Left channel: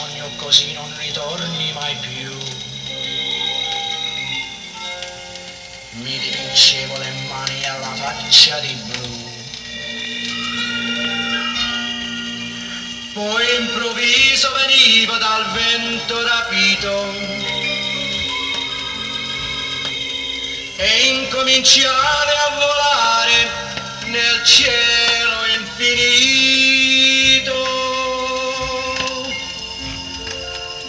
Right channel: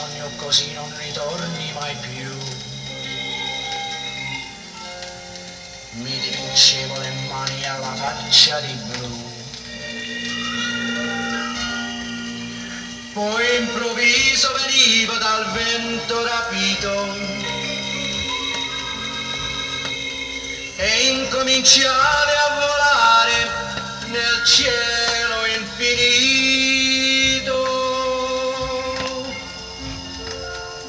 sogno così non ritorni mai più. Mi dipingevo le mani alla faccia di blu. Poi improvviso venivo dal vento rapito e incominciai a volare nel cielo infinito.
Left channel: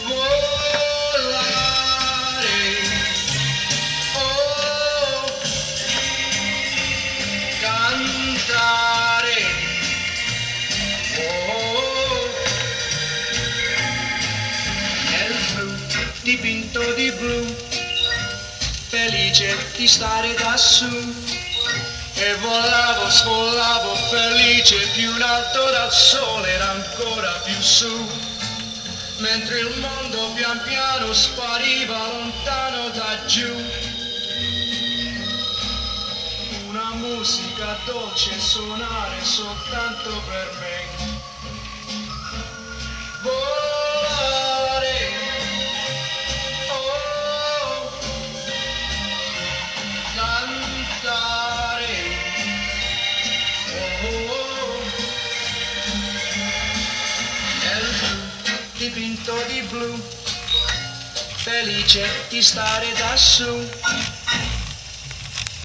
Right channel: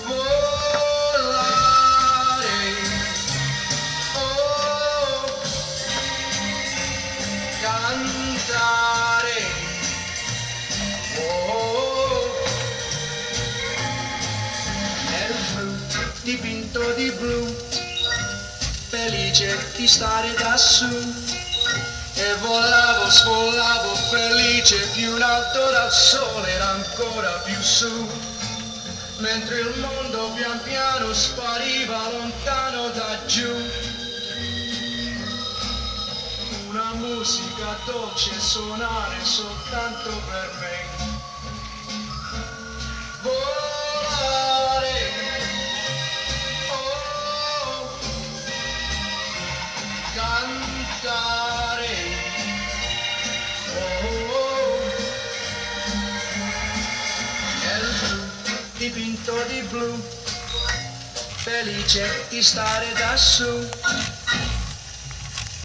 Volare, oh, cantare, oh, nel blu, dipinto di blu, felice di stare da su. E volavo, svolavo felice più in alto dal sole, era ancora più su, mentre il mondo pian piano spariva lontano da giù. Una musica dolce suonare soltanto per me. Volare, oh, cantare, oh, nel blu, dipinto di blu, felice di stare da su.